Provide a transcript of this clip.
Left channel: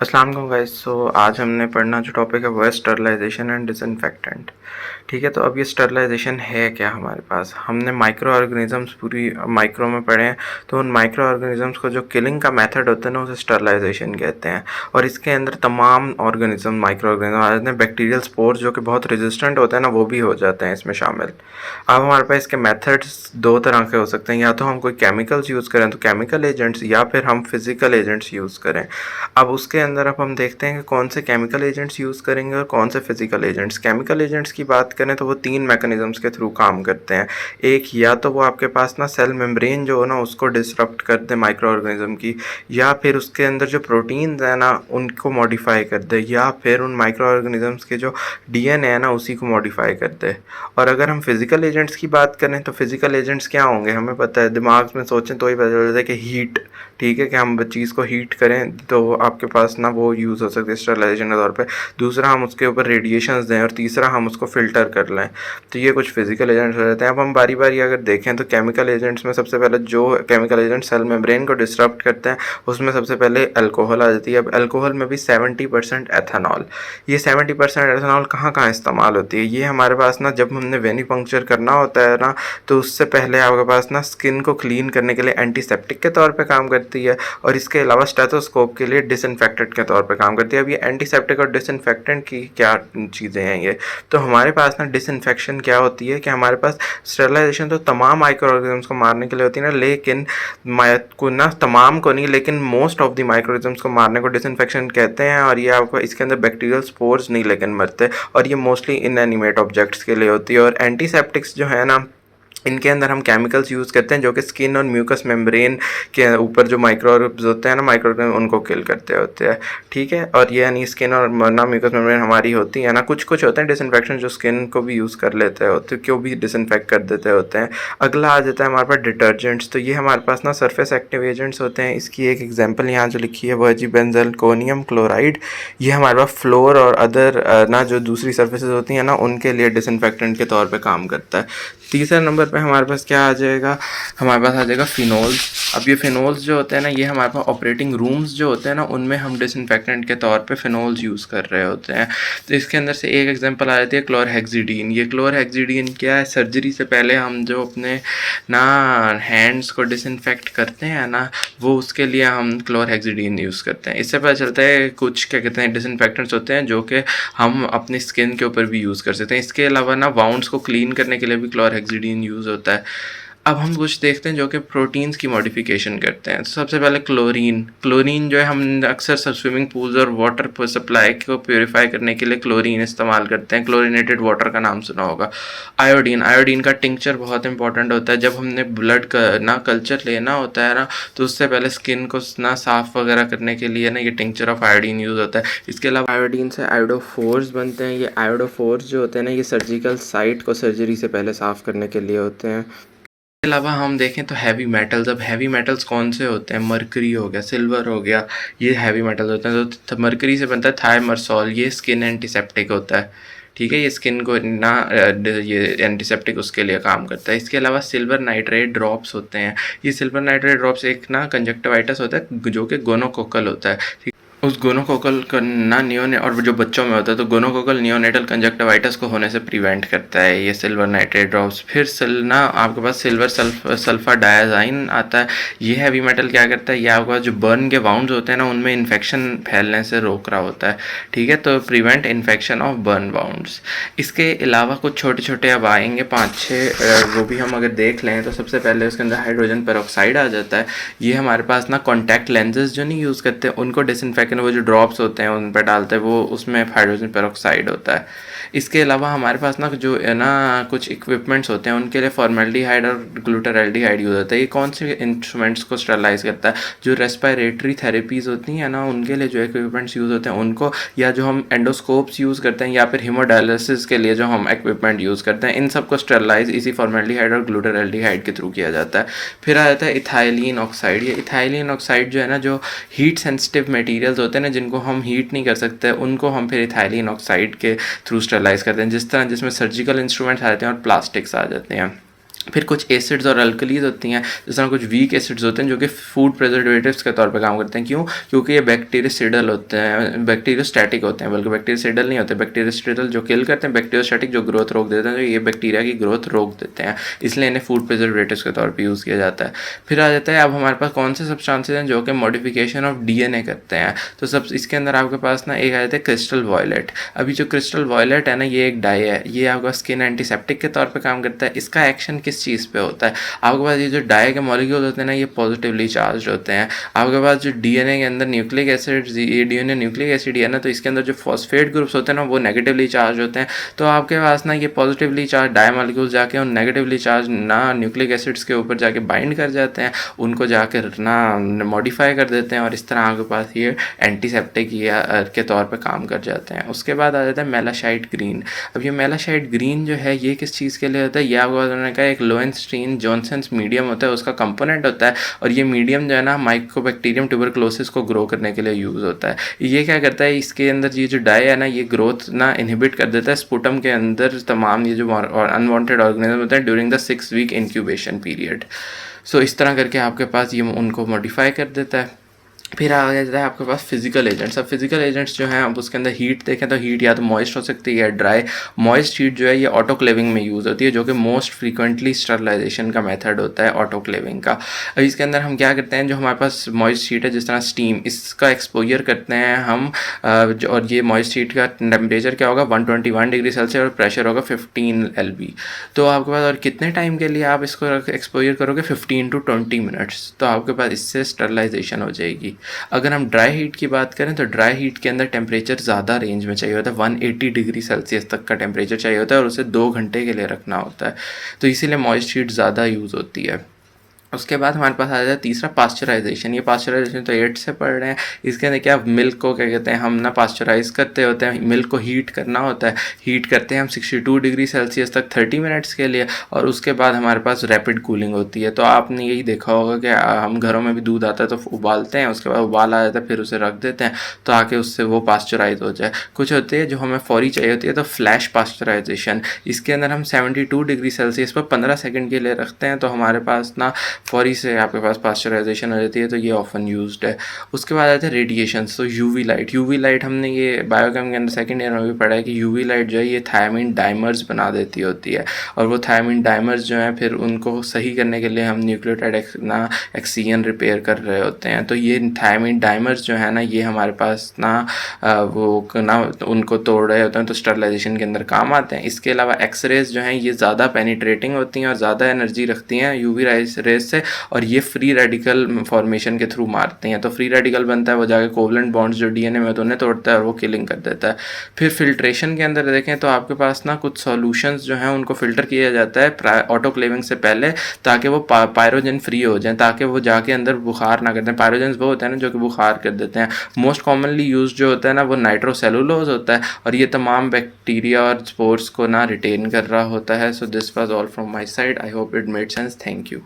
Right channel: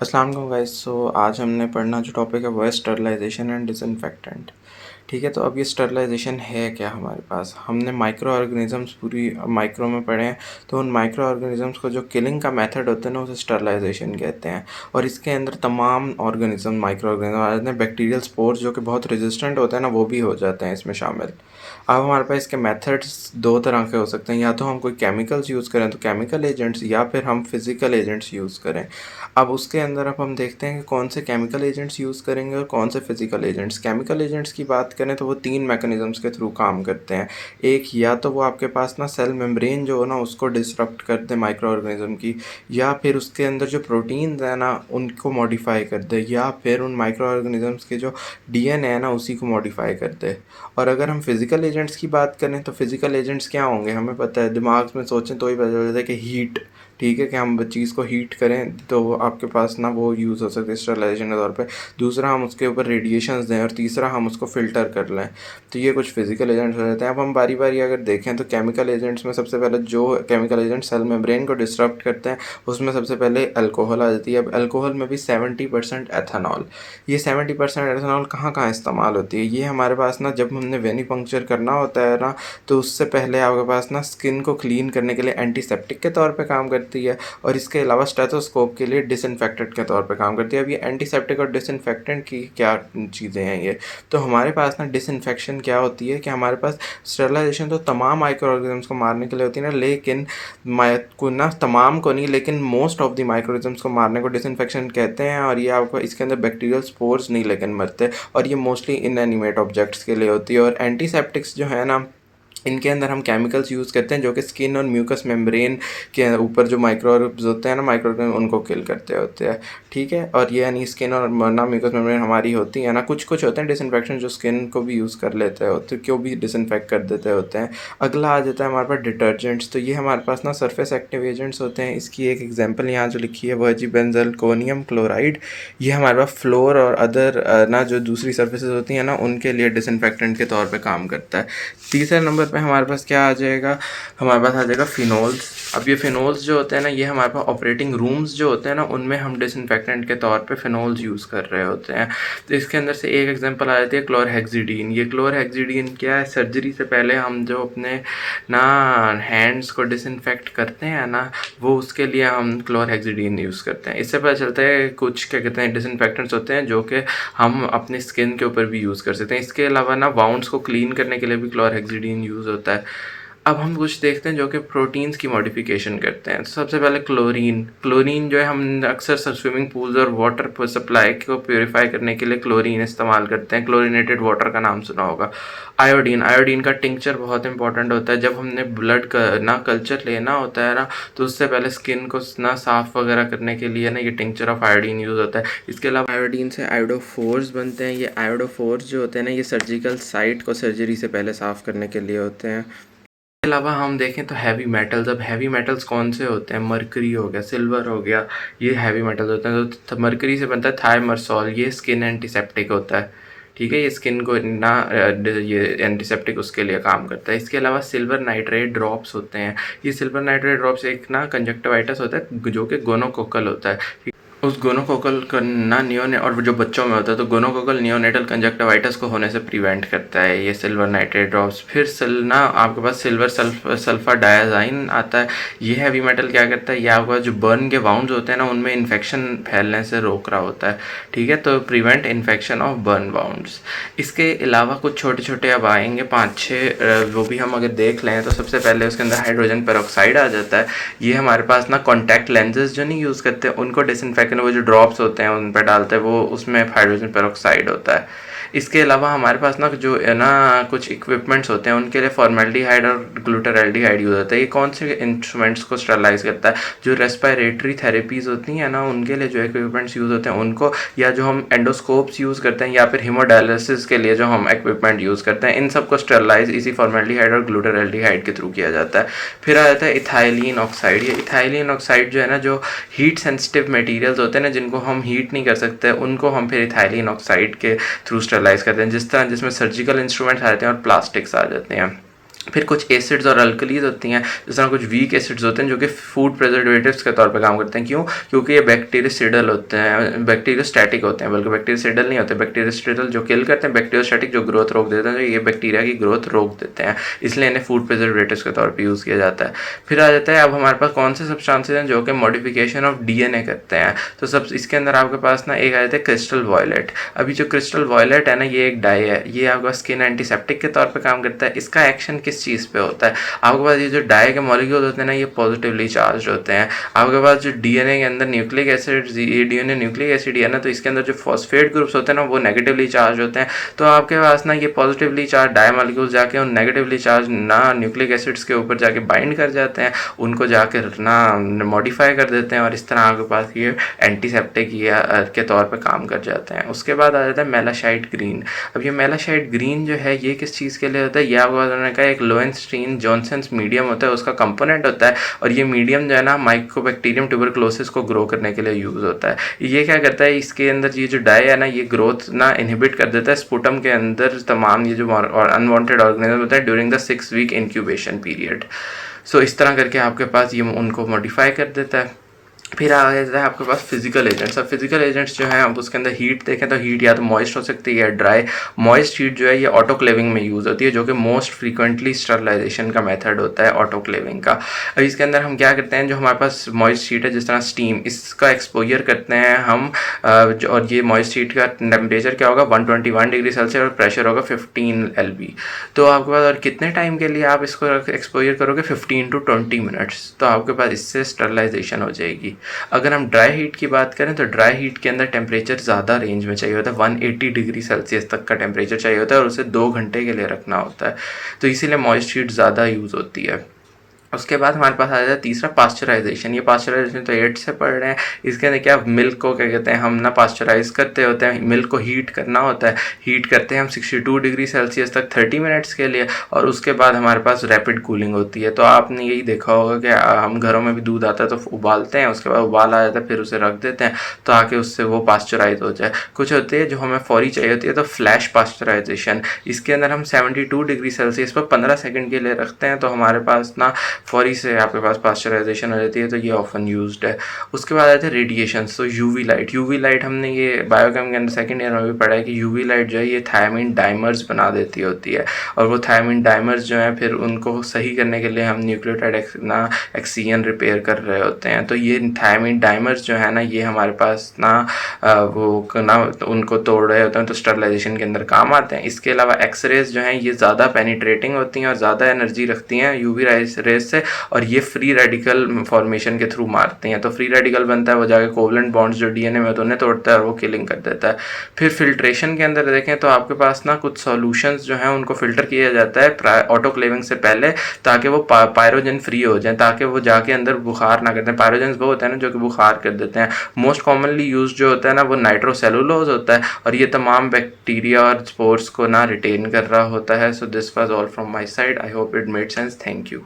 अस्सलाम वालेकुम गाइस। आज हमने पढ़ना जो टॉपिक है वो है स्टरलाइजेशन एंड डिसइंफेक्टेंट। ठीक है, तो अब ये स्टरलाइजेशन है क्या हमारे पास। हमने माइक्रो ऑर्गेनिजम्स पूरी माइक्रो में पढ़े हैं, तो उन माइक्रो ऑर्गेनिजम्स को जो किलिंग का मेथड होता है ना उसे स्टरलाइजेशन कहते हैं। और इसके अंदर तमाम ऑर्गेनिज्म माइक्रो ऑर्गेनिज्म आ जाते हैं, बैक्टीरियल स्पोर्स जो कि बहुत रेजिस्टेंट होते हैं ना वो भी हो जाते हैं इसमें शामिल। अब हमारे पास इसके मेथड्स दो तरह के हो सकते हैं, या तो हम कोई केमिकल्स यूज़ करें तो केमिकल एजेंट्स, या फिर हम फिज़िकल एजेंट्स यूज़ करें। अब उसके अंदर अब हम देखते हैं कि कौन से केमिकल एजेंट्स यूज़ करेंगे और कौन से फिज़िकल एजेंट्स। केमिकल एजेंट्स की बात करें तो वो 3 मैकेनिज़म्स के थ्रू काम करते हैं। एक, या तो वो आपके पास ना सेल मेम्ब्रेन जो हो ना उसको डिसरप्ट कर दे माइक्रो ऑर्गेनिज़म की, या फिर उसके अंदर जो प्रोटीन्स हैं ना उनको मॉडिफ़ाई कर दे, या फिर उन माइक्रो ऑर्गेनिज़म्स के जो डीएनए है ना उसी को मॉडिफ़ाई कर दे। और अगर हम फिज़िकल एजेंट्स की बात करें तो फिज़िकल एजेंट्स क्या होंगे हमें पता है, दिमाग में सोचें तो ही पता चल जाता है कि हीट। ठीक है, कि हम चीज़ को हीट करें तो आपके पास ना वो यूज़ हो सकती है स्टरलाइजेशन के तौर पे। दूसरा, हम उसके ऊपर रेडिएशंस दें, और तीसरा हम उसको फ़िल्टर कर लें। तो ये कुछ फिज़िकल एजेंट्स हो जाते हैं। अब हम बारी बारी अगर देखें तो केमिकल एजेंट्स में सबसे पहले जो केमिकल एजेंट सेल मेम्ब्रेन को डिसरप्ट करते हैं उसमें सबसे पहले अल्कोहल आ जाती है। अब अल्कोहल में भी 70% एथेनॉल। ये 70% एथेनॉल कहाँ कहाँ इस्तेमाल होती है, ये हमारे पास ना जब हमने वेनिपंक्चर करना होता है ना तो उससे पहले आपके पास ना स्किन को क्लीन करने के लिए एंटीसेप्टिक के तौर पे काम करती है, और इसके अलावा स्टेथोस्कोप के लिए डिसइंफेक्टेंट के तौर पे काम करती है। अब ये एंटीसेप्टिक और डिसइंफेक्टेंट की क्या चीज़ें हैं ये, तो हमारे पास ना डिसइंफेक्शन क्या होती है कि हमारे पास स्टेरिलाइजेशन तो तमाम माइक्रो ऑर्गेनिजम्स को मारने के लिए होती है ना, लेकिन को ना तमाम को नहीं, लेकिन most of the micro organisms को मारने को डिसइंफेक्शन कहते हैं। और ये आपको इसके अंदर बैक्टीरियल स्पोर्स नहीं लेकिन मरते, और ये मोस्टली इनएनिमेट ऑब्जेक्ट्स के लिए होती है। और एंटीसेप्टिक्स जो है ना इनके अंदर हम केमिकल्स यूज़ करते हैं जो कि स्किन और म्यूकस मेम्ब्रेन के ऊपर जो माइक्रोब्स होते हैं ना माइक्रो उनको किल करते होते हैं। ठीक है, और ये यानी स्किन और ना म्यूकस मेम्ब्रेन हमारी होती है ना, कुछ कुछ होते हैं डिसइंफेक्शन जो स्किन को भी यूज़ कर लेते होते, क्यों भी डिसइंफेक्ट कर देते होते हैं। अगला आ जाता है हमारे पास डिटर्जेंट्स। तो ये हमारे पास ना सरफेस एक्टिव एजेंट्स होते हैं। इसकी एक एग्जाम्पल यहाँ जो लिखी है वो है जी बेंजलकोनियम क्लोराइड। ये हमारे पास फ्लोर और अदर ना जो दूसरी सर्फेसेज होती हैं ना उनके लिए डिसइंफेक्टेंट के तौर पे काम करता है। तीसरे नंबर पे हमारे पास क्या आ जाएगा, हमारे पास आ जाएगा फिनोल्स। अब ये फिनोल्स जो होते हैं ना ये हमारे पास ऑपरेटिंग रूम्स जो होते हैं ना उनमें हम डिसइंफेक्टेंट के तौर पे फिनोल्स यूज़ कर रहे होते हैं। तो इसके अंदर से एक एग्जांपल आ जाती है क्लोरहेक्सिडीन। ये क्लोरहेक्सिडीन क्या है, सर्जरी से पहले हम जो अपने ना हैंड्स को डिसइंफेक्ट करते हैं ना वो उसके लिए हम क्लोरहेक्सिडीन यूज़ करते हैं। इससे पता चलता है कुछ क्या कहते हैं डिसइंफेक्टेंट्स होते हैं जो कि हम अपनी स्किन के ऊपर भी यूज़ कर सकते हैं। इसके अलावा ना वाउंड्स को क्लीन करने के लिए भी क्लोरहेक्सिडीन यूज़ होता है। अब हम कुछ देखते हैं जो कि प्रोटीन्स की मॉडिफिकेशन करते हैं। तो सबसे पहले क्लोरीन। क्लोरीन जो है हम अक्सर सब स्विमिंग पूल्स और वाटर सप्लाई को प्योरीफाई करने के लिए क्लोरीन इस्तेमाल करते हैं। क्लोरीनेटेड वाटर का नाम सुना होगा। आयोडीन। आयोडीन का टिंक्चर बहुत इंपॉर्टेंट होता है। जब हमने ब्लड का ना कल्चर लेना होता है ना तो उससे पहले स्किन को ना साफ़ वगैरह करने के लिए ना ये टिंक्चर ऑफ आयोडीन यूज़ होता है। इसके अलावा आयोडीन से आयोडोफोर्स बनते हैं। ये आयोडोफोर्स जो होते हैं ना ये सर्जिकल साइट को सर्जरी से पहले साफ़ करने के लिए होते हैं। इसके अलावा हम देखें तो हैवी मेटल्स। अब हैवी मेटल्स कौन से होते हैं, मरकरी हो गया, सिल्वर हो गया, ये हैवी मेटल्स होते हैं। तो मरकरी से बनता है थायमरसॉल। ये स्किन एंटीसेप्टिक होता है। ठीक है, ये स्किन को ना ये एंटीसेप्टिक उसके लिए काम करता है। इसके अलावा सिल्वर नाइट्रेट ड्रॉप्स होते हैं। ये सिल्वर नाइट्रेट ड्रॉप्स एक ना कंजक्टिवाइटिस होता है जो कि गोनोकोकल होता है। उस गोनोकोकल का ना नियोने और जो बच्चों में होता है तो गोनोकोकल नियोनेटल कंजक्टिवाइटिस को होने से प्रिवेंट करता है ये सिल्वर नाइट्रेट ड्रॉप्स। फिर ना आपके पास सिल्वर सल्फर डायाजाइन आता है। ये हैवी मेटल क्या करता है, ये आपके पास जो बर्न के वाउंड्स होते हैं ना उनमें इन्फेक्शन फैलने से रोक रहा होता है। ठीक है, तो prevent infection of burn wounds. इसके अलावा कुछ छोटे छोटे अब आएंगे 5-6, वो भी हम अगर देख लें तो सबसे पहले उसके अंदर हाइड्रोजन पेरोक्साइड आ जाता है। ये हमारे पास ना कॉन्टैक्ट लेंसेज जो नहीं यूज़ करते उनको डिसइंफेक्ट वो जो ड्रॉप्स होते हैं उन पर डालते हैं वो उसमें हाइड्रोजन पेरोक्साइड होता है। इसके अलावा हमारे पास ना जो है ना कुछ इक्विपमेंट्स होते हैं उनके लिए फॉर्मेल्डिहाइड और ग्लूटाराल्डिहाइड यूज़ होता है। ये कौन से इंस्ट्रूमेंट्स को स्टरलाइज करता है, जो रेस्पिरेटरी थेरेपीज़ होती हैं ना उनके लिए जो इक्विपमेंट्स यूज़ होते हैं उनको, या जो हम एंडोस्कोप्स यूज़ करते हैं, या फिर हीमोडायलिसिस के लिए जो हम इक्विपमेंट यूज़ करते हैं, इन सबको स्टरलाइज इसी फॉर्मेल्डिहाइड और ग्लूटाराल्डिहाइड के थ्रू किया जाता है। फिर आ जाता है इथाइलिन ऑक्साइड। ये इथाइलिन ऑक्साइड जो है ना जो हीट सेंसिटिव मटेरियल्स होते हैं ना जिनको हम हीट नहीं कर सकते उनको हम फिर इथाइलिन ऑक्साइड के थ्रू स्टरलाइज करते हैं, जिस तरह जिसमें सर्जिकल इंस्ट्रूमेंट्स आ जाते हैं और प्लास्टिक्स आ जाते हैं। फिर कुछ एसिड्स और अल्कलीज होती हैं, जिस तरह कुछ वीक एसिड्स होते हैं जो कि फूड प्रिजर्वेटिव्स के तौर पे काम करते हैं। क्यों? क्योंकि ये बैक्टीरियोसिडल होते हैं, बैक्टीरियोस्टैटिक होते हैं, बल्कि बैक्टीरियोसिडल नहीं होते। बैक्टीरियोसिडल जो किल करते हैं, बैक्टीरियोस्टैटिक जो ग्रोथ रोक देते हैं, तो ये बैक्टीरिया की ग्रोथ रोक देते हैं, इसलिए इन्हें फूड प्रिजर्वेटिव्स के तौर पर यूज़ किया जाता है। फिर आ जाता है अब हमारे पास कौन से सब्सटेंसेज हैं जो कि मॉडिफिकेशन ऑफ डीएनए करते हैं। तो सब इसके अंदर आपके पास ना एक आ जाता है क्रिस्टल वॉयलेट। अभी जो क्रिस्टल वॉयलेट है ना, ये एक डाई है, ये आपका स्किन एंटीसेप्टिक के तौर पर काम करता है। इसका एक्शन किस चीज़ पे होता है? आपके पास ये जो डाई के मॉलिक्यूल होते हैं ना, ये पॉजिटिवली चार्ज होते हैं। आपके पास जो डीएनए के अंदर न्यूक्लिक एसिड, ये डीएनए न्यूक्लिक एसिड है ना, तो इसके अंदर जो फॉस्फेट ग्रुप्स होते हैं ना, वो नेगेटिवली चार्ज होते हैं। तो आपके पास ना ये पॉजिटिवली चार्ज डाई मॉलिक्यूल जाके उन नेगेटिवली चार्ज ना न्यूक्लिक एसिड्स के ऊपर जाके बाइंड कर जाते हैं, उनको जाके ना मॉडिफाई कर देते हैं, और इस तरह आपके पास ये एंटीसेप्टिक के तौर पर काम कर जाते हैं। उसके बाद आ जाता है मेलासाइट ग्रीन। अब ये मेलासाइट ग्रीन जो है, ये किस चीज़ के लिए होता है? ये आपको उन्होंने कहा एक लोवेंस्टीन जॉनसन्स मीडियम होता है, उसका कंपोनेंट होता है, और ये मीडियम जो है ना माइकोबैक्टीरियम ट्यूबरक्लोसिस को ग्रो करने के लिए यूज़ होता है। ये क्या करता है, इसके अंदर ये जो डाई है ना, ये ग्रोथ ना इनहिबिट कर देता है स्पुटम के अंदर तमाम ये जो अनवांटेड ऑर्गेनिज्म होते हैं during the 6 week incubation period. So इस तरह करके आपके पास ये उनको मॉडिफाई कर देता है। फिर आ जाता है आपके पास फिजिकल एजेंट्स। अब फिजिकल एजेंट्स जो हैं, अब उसके अंदर हीट देखें तो हीट या तो मॉइस्ट हो सकती है या ड्राई। मॉइस्ट हीट जो है ये ऑटोक्लेविंग में यूज़ होती है, जो कि मोस्ट फ्रीक्वेंटली स्टरलाइजेशन का मेथड होता है ऑटोक्लेविंग का। अब इसके अंदर हम क्या करते हैं, जो हमारे पास मॉइस्ट हीट है, जिस तरह स्टीम, इसका एक्सपोजर करते हैं हम, और ये मॉइस्ट हीट का टेम्परेचर क्या होगा, 121 डिग्री सेल्सियस, और प्रेशर होगा 15 LB। तो आपके पास और कितने टाइम के लिए आप इसको एक्सपोजर करोगे, 15 to 20 मिनट्स, तो आपके पास इससे स्टरलाइजेशन हो जाएगी। अगर हम ड्राई हीट की बात करें तो ड्राई हीट के अंदर टेम्परेचर ज़्यादा रेंज में चाहिए होता है, 180 डिग्री सेल्सियस तक का टेम्परेचर चाहिए होता है, और उसे 2 घंटे के लिए रखना होता है, तो इसीलिए मॉइस्ट हीट ज़्यादा यूज़ होती है। उसके बाद हमारे पास आ जाता है तीसरा, पास्चराइजेशन। ये पास्चराइजेशन तो 8 से पढ़ रहे हैं। इसके अंदर क्या, मिल्क को क्या कहते हैं हम ना, पास्चराइज करते होते हैं, मिल्क को हीट करना होता है। हीट करते हैं हम 62 डिग्री सेल्सियस तक 30 मिनट्स के लिए, और उसके बाद हमारे पास रैपिड कूलिंग होती है। तो आपने यही देखा होगा कि हम घरों में भी दूध आता है तो उबालते हैं, उसके बाद उबाल आ जाता है, फिर उसे रख देते हैं तो आके उससे वो पास्चराइज हो जाए। कुछ होते हैं जो हमें फौरी चाहिए होती है, तो फ्लैश पास्चराइजेशन। इसके अंदर हम 72 डिग्री सेल्सियस पर 15 सेकेंड के लिए रखते हैं, तो हमारे पास ना फौरी से आपके पास पास्चराइजेशन हो जाती है, तो ये ऑफन यूज्ड है। उसके बाद आते हैं रेडिएशंस। तो यूवी लाइट, यूवी लाइट हमने ये बायोकेम के अंदर सेकंड ईयर में भी पढ़ा है कि यूवी लाइट जो है ये थायमिन डाइमर्स बना देती होती है, और वो थायमिन डाइमर्स जो हैं फिर उनको सही करने के लिए हम न्यूक्लियोटाइड एक्सीजन रिपेयर कर रहे होते हैं। तो ये थायमिन डाइमर्स जो है ना, ये हमारे पास ना वो ना उनको तोड़ रहे होते हैं, तो स्टरलाइजेशन के अंदर काम आते हैं। इसके अलावा एक्सरेज जो हैं ये ज़्यादा पेनिट्रेटिंग होती हैं और ज़्यादा एनर्जी रखती हैं यूवी रेज से, और ये फ्री रेडिकल फॉर्मेशन के थ्रू मारते हैं। तो फ्री रेडिकल बनता है, वो जाके कोवलेंट बॉन्ड्स जो डीएनए में होते हैं उन्हें तोड़ता है और वो किलिंग कर देता है। फिर फिल्ट्रेशन के अंदर देखें तो आपके पास ना कुछ सॉल्यूशंस जो हैं उनको फिल्टर किया जाता है ऑटोक्लेविंग से पहले, ताकि वो पायरोजन फ्री हो जाए, ताकि वो जाके अंदर बुखार ना करते हैं। पायरोजन वो होता है ना जो कि बुखार कर देते हैं। मोस्ट कॉमनली यूज जो होता है ना, वो नाइट्रोसेलुलोज होता है, और ये तमाम बैक्टीरिया और स्पोर्स को ना रिटेन कर रहा होता है। So this was all from my side. I hope it made sense. Thank you.